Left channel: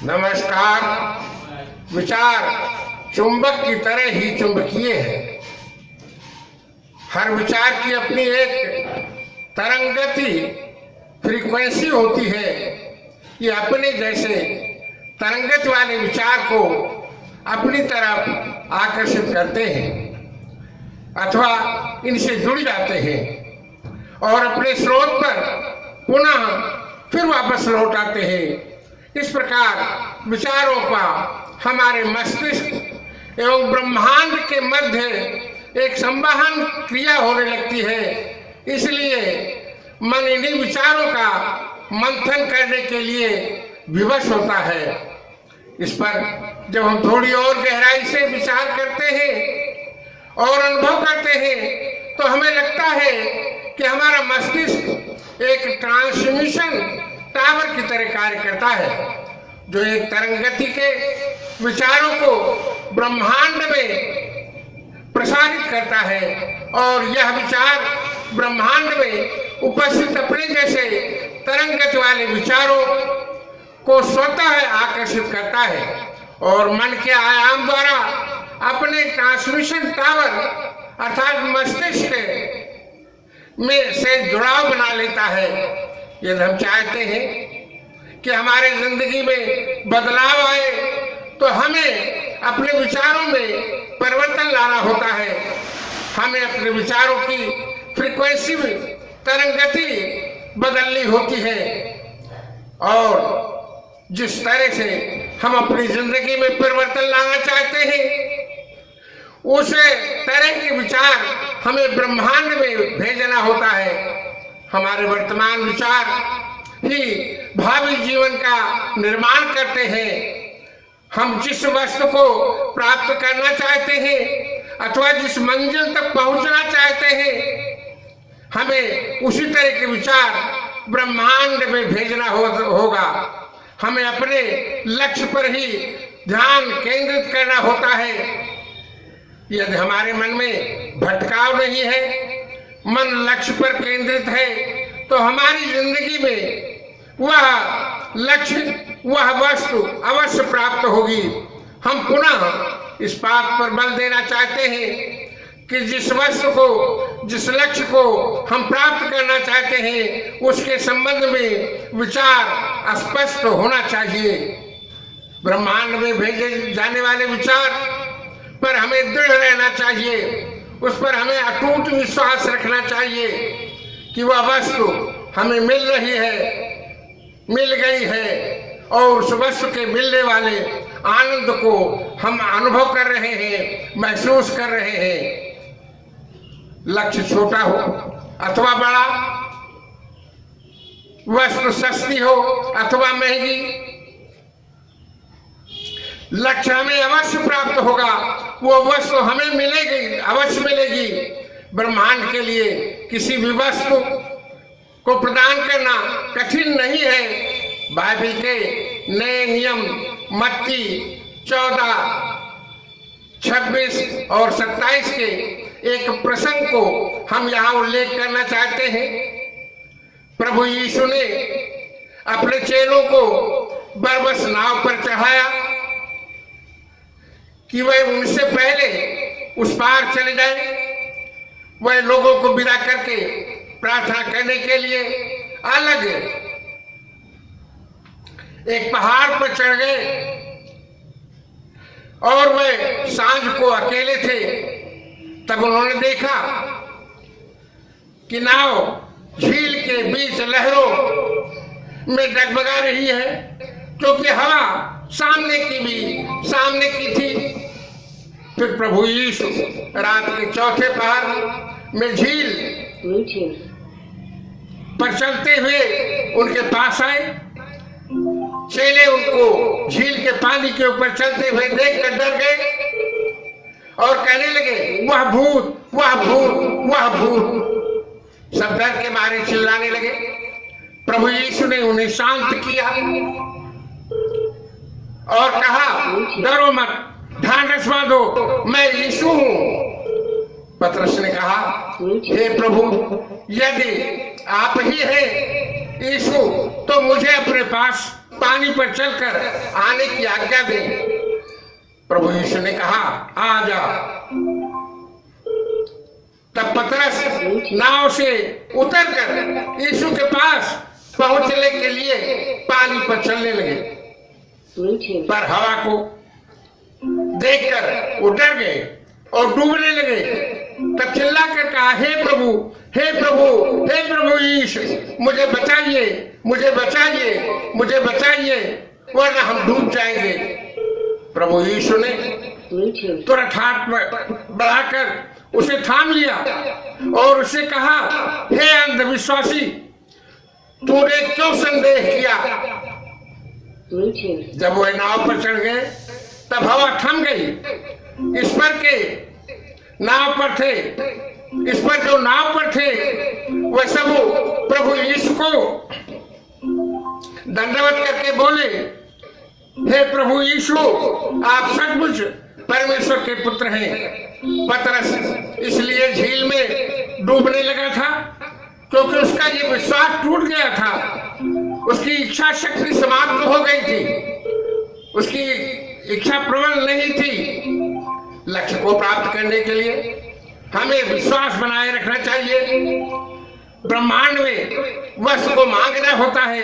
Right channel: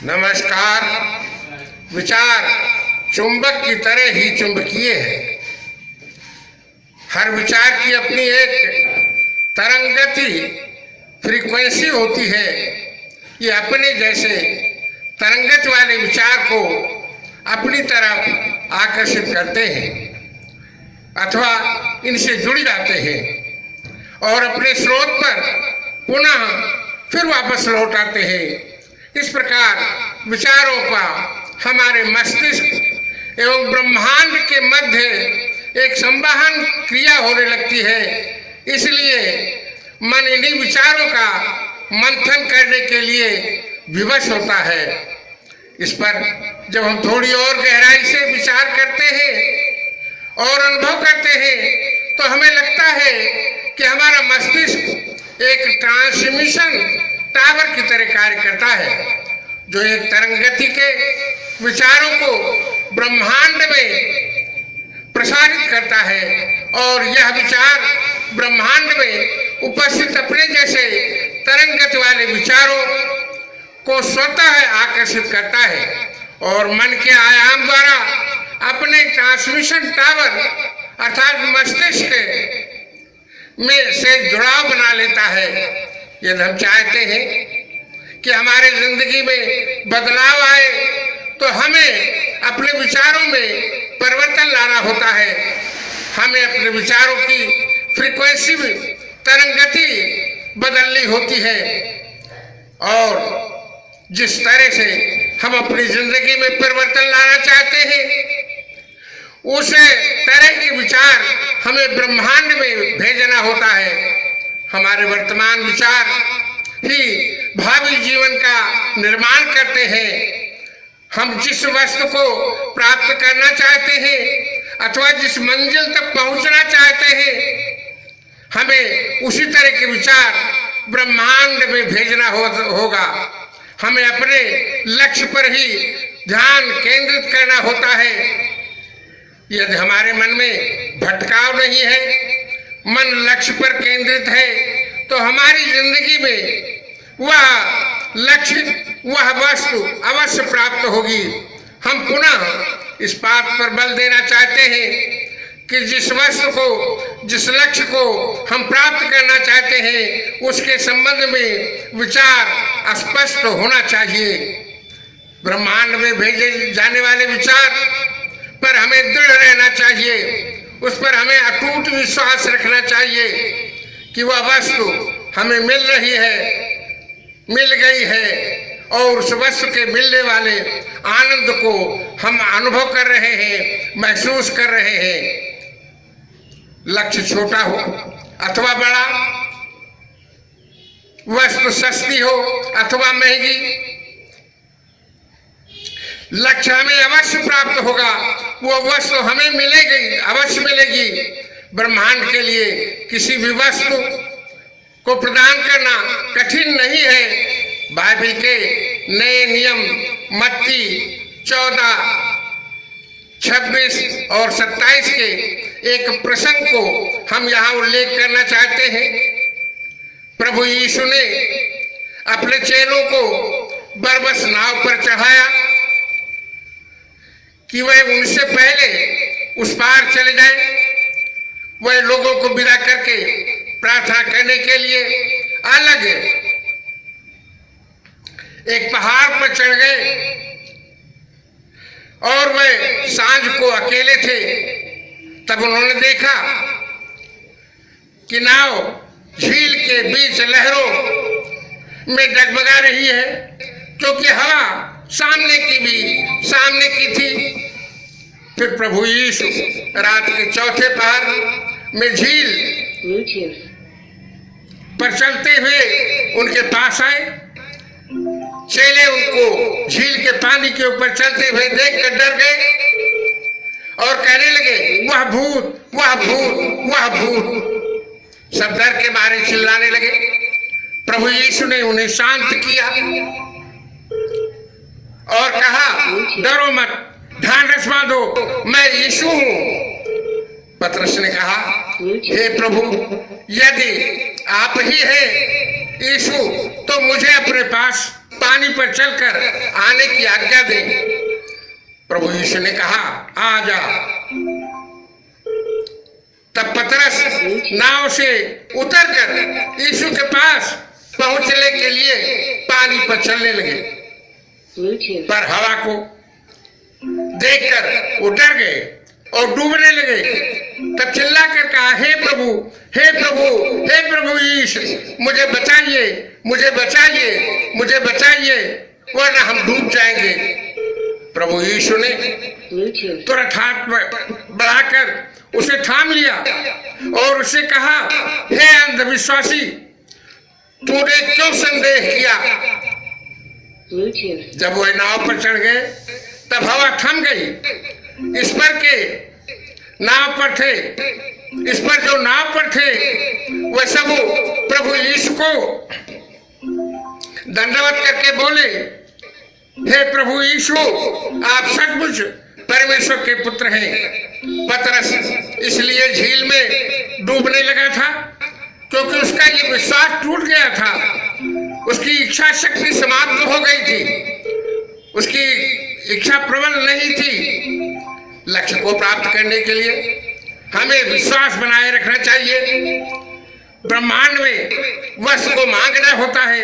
नमस्कार। विचार चुंबक की तरह ही चुंबकीय है। हर विचार की अपनी एक तरंगति फ्रीक्वेंसी होती है। ये अपने जैसे तरंगत वाले विचार को अपनी तरफ आकर्षित करते हैं अथवा इनसे जुड़ जाते हैं और अपने स्रोत पर पुनः फिर वापस लौट आते हैं। इस प्रकार विचारों का हमारे मस्तिष्क एवं ब्रह्मांड के मध्य एक संवहन क्रिया होने लगती है। इसलिए मन इन्हीं विचारों का मंथन करने के लिए विवश होता है। इस पर जब हम थोड़ी और गहराई से विचार करते हैं और अनुभव करते हैं तो हमें लगता है कि हमारा मस्तिष्क एक ट्रांसमिशन टावर की तरह कार्य करता है, जो एक तरंगति के विचारों को ब्रह्मांड में प्रसारित करता है और यह विचार ब्रह्मांड में उपस्थित अपने जैसे तरंगत वाले विचारों को स्वतः आकर्षित करता है और मन के आयाम द्वारा अपने ट्रांसमिशन टावर अर्थात मस्तिष्क में से जुड़ाव बना लेता है। यदि हम चाहते हैं कि हमारे जिंदगी में बदलाव आए तो हमें अपने विचारों में परिवर्तन लाना होता है। हमें अपने विचारों की फ्रीक्वेंसी में तरंगति बदलनी होती है और जिस तरह से हम अपनी जिंदगी में परिवर्तन लाना चाहते हैं उस तरह के विचार हमें ब्रह्मांड में भेजना होता है। हमारे वर्तमान विचार ही भावी जीवन का निर्माण करते हैं। हम जिस वस्तु को प्राप्त करना चाहते हैं अथवा जिस मंजिल तक पहुंचना चाहते हैं हमें उसी तरह के विचार ब्रह्मांड में भेजना होगा। हमें अपने लक्ष्य पर ही ध्यान केंद्रित करना होता है। यदि हमारे मन में भटकाव नहीं है, मन लक्ष्य पर केंद्रित है, तो हमारी जिंदगी में वह लक्ष्य वह वस्तु अवश्य प्राप्त होगी। हम पुनः इस बात पर बल देना चाहते हैं कि जिस वस्तु को जिस लक्ष्य को हम प्राप्त करना चाहते हैं उसके संबंध में विचार स्पष्ट होना चाहिए। ब्रह्मांड में भेजे जाने वाले विचार पर हमें दृढ़ रहना चाहिए। उस पर हमें अटूट विश्वास रखना चाहिए कि वह वस्तु हमें मिल रही है, मिल गई है और उस वस्तु के मिलने वाले आनंद को हम अनुभव कर रहे हैं, महसूस कर रहे हैं। लक्ष्य छोटा हो अथवा बड़ा, वस्तु सस्ती हो अथवा महंगी, लक्ष्य हमें अवश्य प्राप्त होगा। वो वस्तु हमें मिलेगी, अवश्य मिलेगी। ब्रह्मांड के लिए किसी भी वस्तु को प्रदान करना कठिन नहीं है। बाइबल के नए नियम मत्ती 14, 26 और 27 के एक प्रसंग को हम यहाँ उल्लेख करना चाहते हैं। प्रभु यीशु ने अपने चेलों को बरबस नाव पर चढ़ाया कि वह उनसे पहले उस पार चले जाए। वह लोगों को विदा करके प्रार्थना करने के लिए अलग एक पहाड़ पर चढ़ गए और वह सांझ को अकेले थे। तब उन्होंने देखा कि नाव झील के बीच लहरों में डगमगा रही है, क्योंकि हवा सामने की थी। फिर प्रभु यीशु रात के चौथे पहर में झील पर चलते हुए उनके पास आए। चेले उनको झील के पानी के ऊपर चलते हुए देखकर डर गए और कहने लगे, वह भूत, वह भूत, वह भूत। सब डर के मारे चिल्लाने लगे। प्रभु यीशु ने उन्हें शांत किया और कहा, डरो मत, ढांढस बांधो, मैं यीशु हूं। पतरस ने कहा, हे प्रभु, यदि आप ही हैं यीशु तो मुझे अपने पास पानी पर चलकर आने की आज्ञा दे। प्रभु यीशु ने कहा आ जा। तब पतरस नाव से उतरकर यीशु के पास पहुंचने के लिए पानी पर चलने लगे, पर हवा को देखकर वो डर गए और डूबने लगे। तब चिल्ला कर कहा हे प्रभु, हे प्रभु, हे प्रभु यीशु, मुझे बचाइए, मुझे बचाइए, मुझे बचाइए, वरना हम डूब जाएंगे। प्रभु यीशु ने तुरंत हाथ बढ़ाकर उसे थाम लिया और उसे कहा हे अंधविश्वासी, तूने क्यों संदेह किया? जब वह नाव पर चढ़ गए तब हवा थम गई। इस पर के नाव पर थे, इस पर जो नाव पर थे वह सब प्रभु यीशु को दंडवत करके बोले हे प्रभु यीशु, आप सचमुच परमेश्वर के पुत्र हैं। पतरस इसलिए झील में डूबने लगा था क्योंकि उसका ये विश्वास टूट गया था। उसकी इच्छा शक्ति समाप्त हो गई थी, उसकी इच्छा प्रबल नहीं थी। लक्ष्य को प्राप्त करने के लिए हमें विश्वास बनाए रखना चाहिए। ब्रह्मांड में वस्तु को मांगना होता है,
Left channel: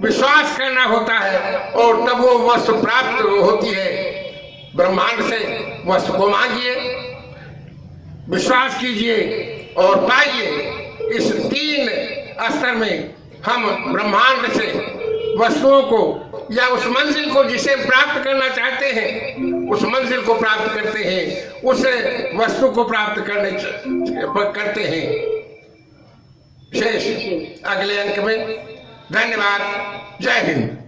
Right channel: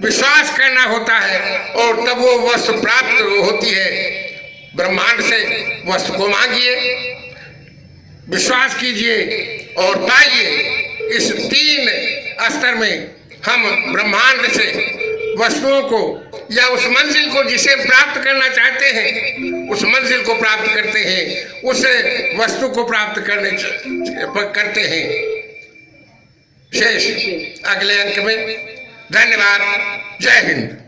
विश्वास करना होता है और तब वो वस्तु प्राप्त होती है। ब्रह्मांड से वस्तु को मांगिए, विश्वास कीजिए और पाइए। इस 3 स्तर में हम ब्रह्मांड से वस्तुओं को या उस मंजिल को जिसे प्राप्त करना चाहते हैं उस मंजिल को प्राप्त करते हैं, उस वस्तु को प्राप्त करते हैं। शेष अगले अंक में। धन्यवाद। जय हिंद।